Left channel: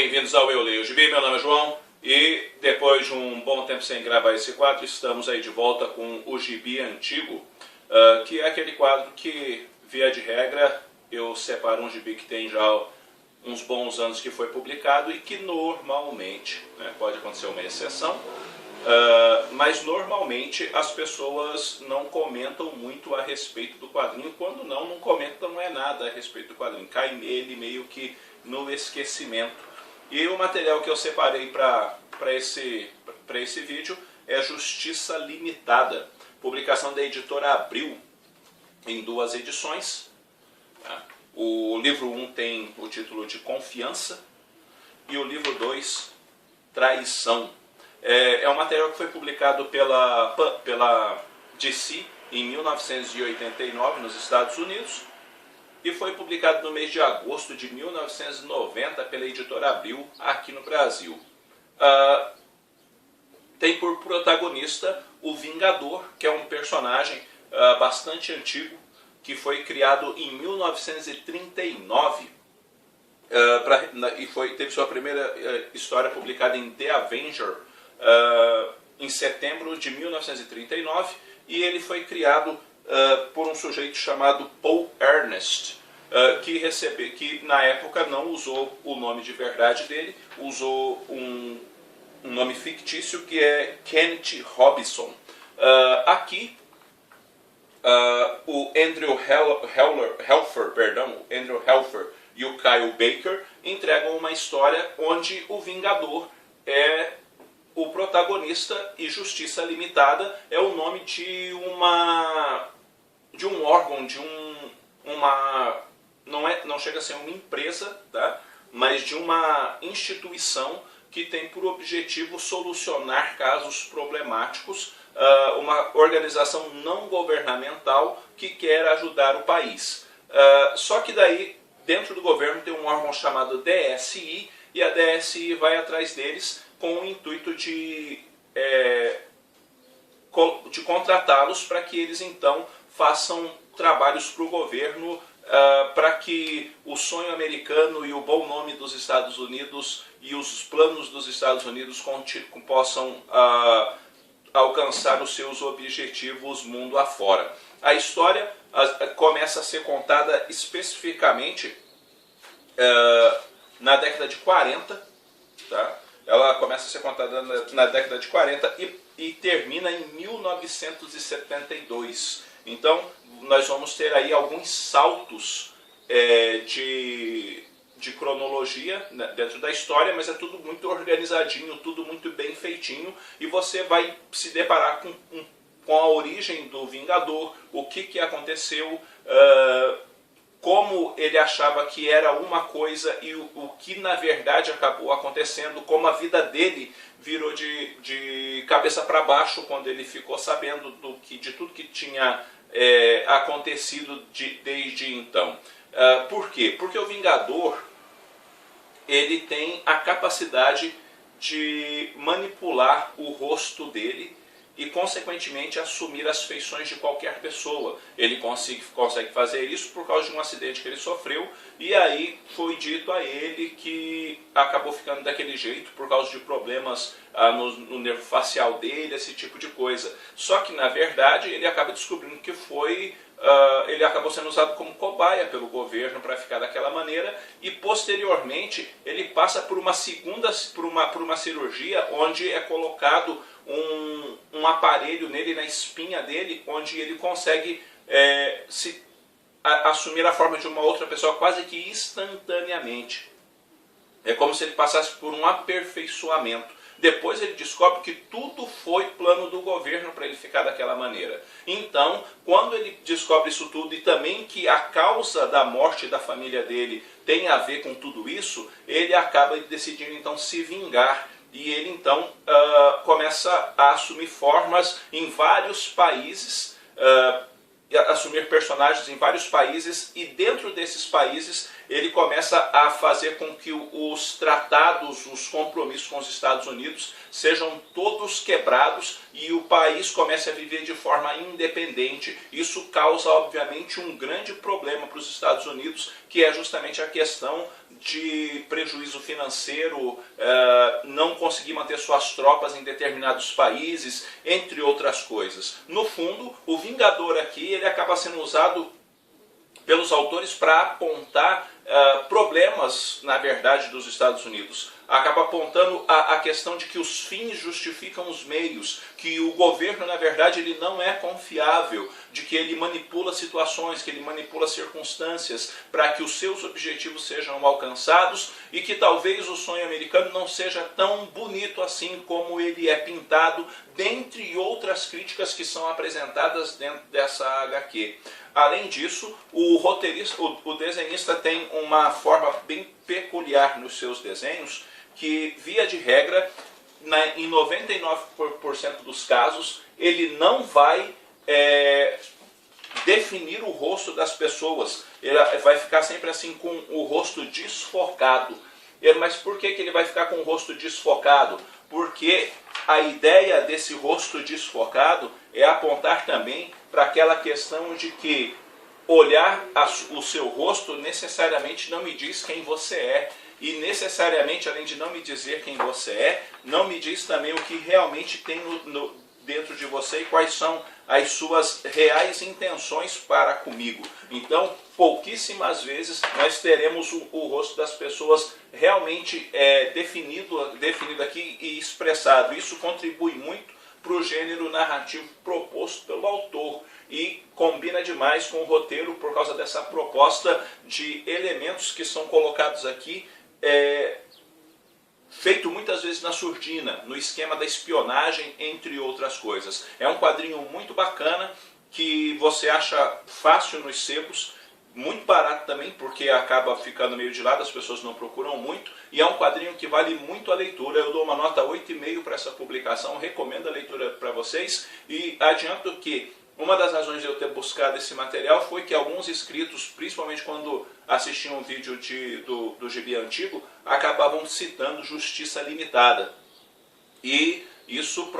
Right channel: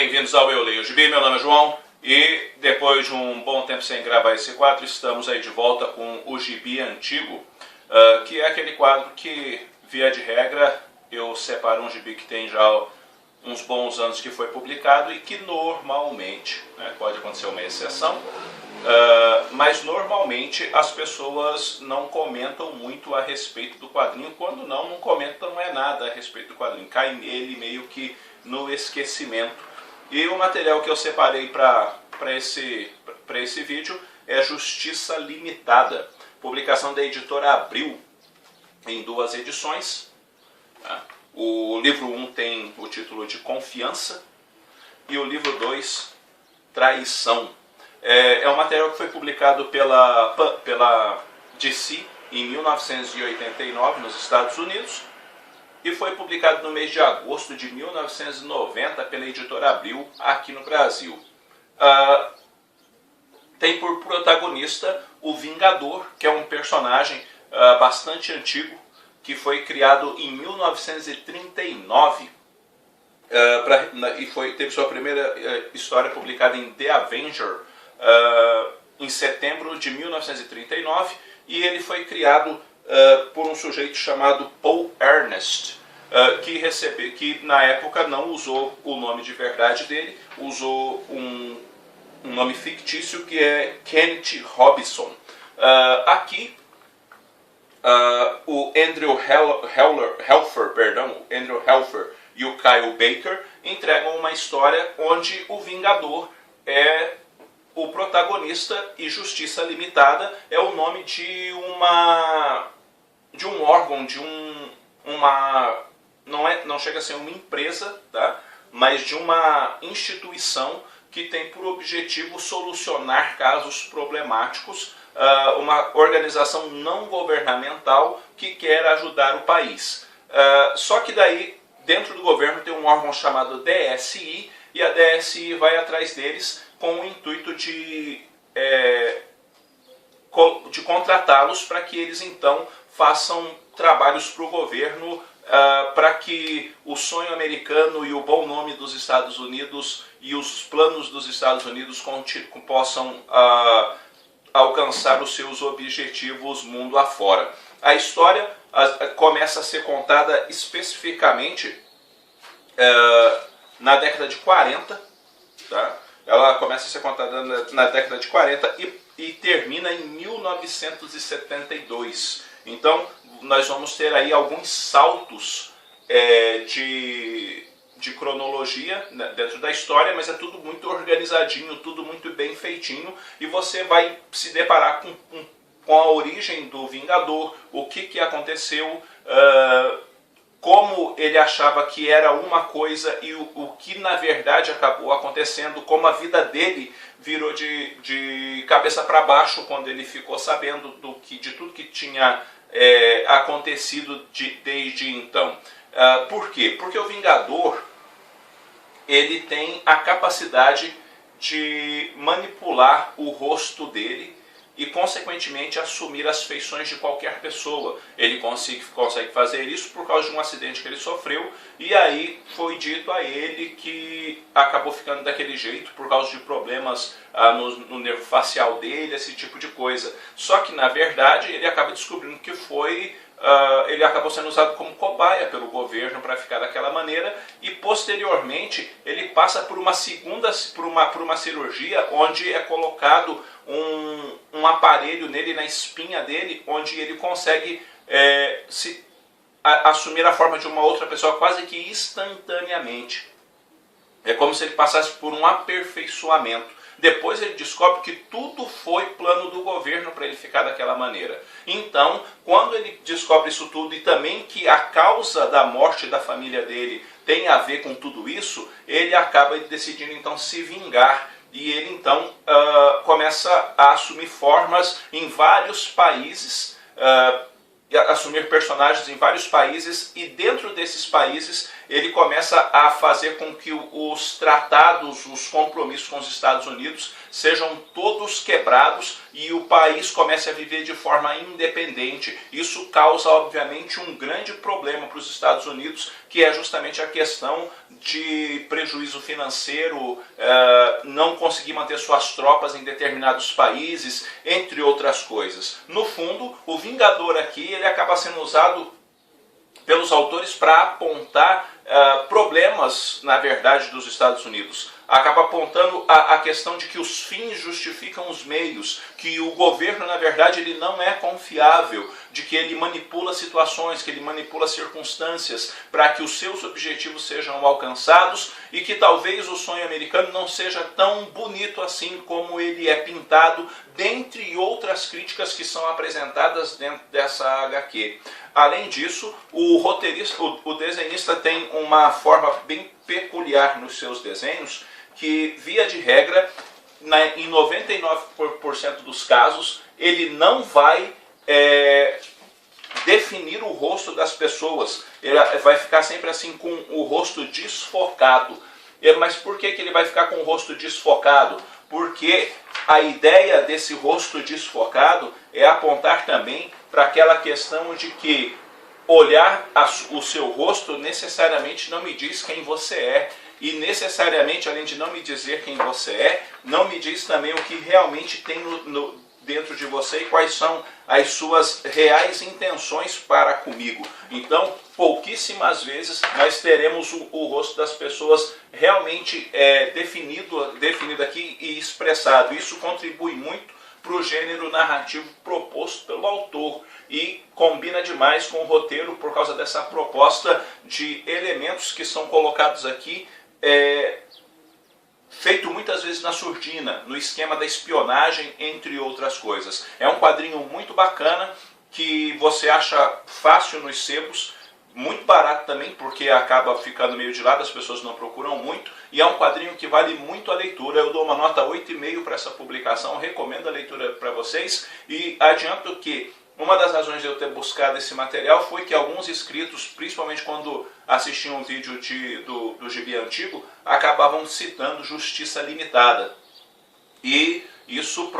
bem-vindos ao Eu Leio Gibi, meu nome é João e depois de um bom tempo sem gravar esse quadro, estamos aí de volta com o Gibi Antigo, que é aquele quadro que, via de regra, eu separo um gibi que tem já uns bons anos que foi publicado e que normalmente, né, pode acontecer uma exceção, mas normalmente as pessoas não comentam muito a respeito do quadrinho, quando não comentam nada a respeito do quadrinho, cai nele meio que no esquecimento. E o material que eu separei para esse vídeo é Justiça Limitada, publicação da editora Abril, em 2 edições. O livro 1 tem o título de Confiança e o livro 2, Traição. É um material que foi publicado pela DC em 1989 nos Estados Unidos e foi publicado no mês de agosto de 1990 pela editora Abril aqui no Brasil. Tem por protagonista o Vingador, que é um personagem bastante antigo, que foi criado em 1939 e teve sua primeira história publicada em The Avenger em setembro de 1939, e ele foi criado por um sujeito chamado Paul Ernest, que na época não usou o nome de verdade dele, usou um nome fictício que é Kenneth Robinson. Aqui o Andrew Helfer e o Kyle Baker entregam uma história onde o Vingador é o protagonista e Justiça Limitada é o nome de um órgão, não chega a ser uma empresa, tá? Mas de uma instituição que tem por objetivo solucionar casos problemáticos, uma organização não governamental que quer ajudar o país. Só que daí, dentro do governo, tem um órgão chamado DSI, e a DSI vai atrás deles com o intuito de contratá-los para que eles então façam trabalhos para o governo, para que o sonho americano e o bom nome dos Estados Unidos e os planos dos Estados Unidos possam alcançar os seus objetivos mundo afora. A história começa a ser contada especificamente na década de 40, tá? Ela começa a ser contada na década de 40 e termina em 1972. Então, nós vamos ter aí alguns saltos de cronologia, né, dentro da história, mas é tudo muito organizadinho, tudo muito bem feitinho, e você vai se deparar com a origem do Vingador, o que aconteceu, como ele achava que era uma coisa e o que na verdade acabou acontecendo, como a vida dele virou de cabeça para baixo quando ele ficou sabendo de tudo que tinha acontecido desde então. Por quê? Porque o Vingador ele tem a capacidade de manipular o rosto dele e, consequentemente, assumir as feições de qualquer pessoa. Ele consegue fazer isso por causa de um acidente que ele sofreu, e aí foi dito a ele que acabou ficando daquele jeito por causa de problemas no nervo facial dele, esse tipo de coisa. Só que, na verdade, ele acaba descobrindo que ele acabou sendo usado como cobaia pelo governo para ficar daquela maneira, e posteriormente ele passa por uma cirurgia onde é colocado um aparelho nele, na espinha dele, onde ele consegue assumir a forma de uma outra pessoa quase que instantaneamente. É como se ele passasse por um aperfeiçoamento. Depois ele descobre que tudo foi plano do governo para ele ficar daquela maneira. Então, quando ele descobre isso tudo e também que a causa da morte da família dele tem a ver com tudo isso, ele acaba decidindo então se vingar. E ele então começa a assumir formas em vários países, assumir personagens em vários países, e dentro desses países ele começa a fazer com que os tratados, os compromissos com os Estados Unidos sejam todos quebrados e o país comece a viver de forma independente. Isso causa, obviamente, um grande problema para os Estados Unidos, que é justamente a questão de prejuízo financeiro, não conseguir manter suas tropas em determinados países, entre outras coisas. No fundo, o Vingador aqui, ele acaba sendo usado pelos autores para apontar problemas, na verdade, dos Estados Unidos. Acaba apontando a questão de que os fins justificam os meios, que o governo, na verdade, ele não é confiável, de que ele manipula situações, que ele manipula circunstâncias para que os seus objetivos sejam alcançados e que talvez o sonho americano não seja tão bonito assim como ele é pintado, dentre outras críticas que são apresentadas dentro dessa HQ. Além disso, o roteirista, o desenhista tem uma forma bem peculiar nos seus desenhos, que, via de regra, em 99% dos casos, ele não vai definir o rosto das pessoas. Ele vai ficar sempre assim com o rosto desfocado. Mas por que ele vai ficar com o rosto desfocado? Porque a ideia desse rosto desfocado é apontar também para aquela questão de que olhar o seu rosto necessariamente não me diz quem você é. E necessariamente, além de não me dizer quem você é, não me diz também o que realmente tem dentro de você e quais são as suas reais intenções para comigo. Então, pouquíssimas vezes nós teremos o rosto das pessoas realmente definido aqui e expressado. Isso contribui muito para o gênero narrativo proposto pelo autor e combina demais com o roteiro por causa dessa proposta de elementos que são colocados aqui, feito muitas vezes na surdina, no esquema da espionagem, entre outras coisas. É um quadrinho muito bacana, que você acha fácil nos sebos, muito barato também, porque acaba ficando meio de lado, as pessoas não procuram muito, e é um quadrinho que vale muito a leitura. Eu dou uma nota 8,5 para essa publicação, recomendo a leitura para vocês, e adianto que uma das razões de eu ter buscado esse material foi que alguns inscritos, principalmente quando assistiam um vídeo do Gibi Antigo, acabavam citando Justiça Limitada. E isso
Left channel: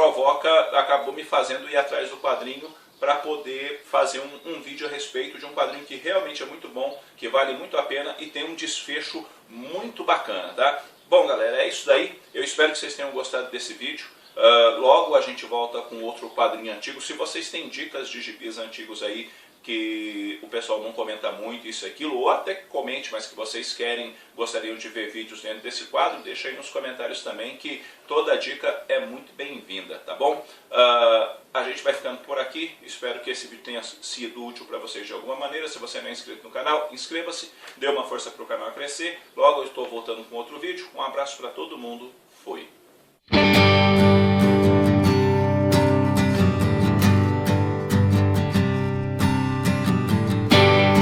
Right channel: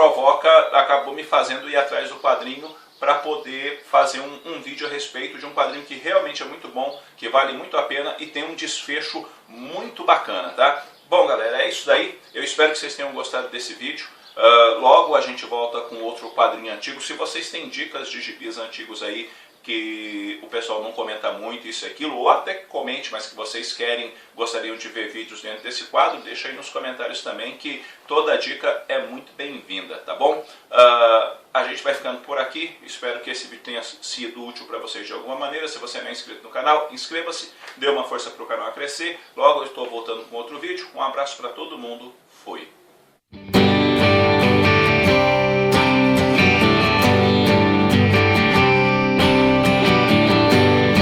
acabou me fazendo ir atrás do quadrinho para poder fazer um vídeo a respeito de um quadrinho que realmente é muito bom, que vale muito a pena e tem um desfecho muito bacana, tá? Bom, galera, é isso daí. Eu espero que vocês tenham gostado desse vídeo. Logo a gente volta com outro quadrinho antigo. Se vocês têm dicas de gibis antigos aí que o pessoal não comenta muito, isso e aquilo, ou até que comente, mas que vocês gostariam de ver vídeos dentro desse quadro, deixa aí nos comentários também, que toda dica é muito bem-vinda, tá bom? A gente vai ficando por aqui. Espero que esse vídeo tenha sido útil para vocês de alguma maneira. Se você não é inscrito no canal, inscreva-se, dê uma força para o canal crescer. Logo eu estou voltando com outro vídeo. Um abraço para todo mundo. Fui!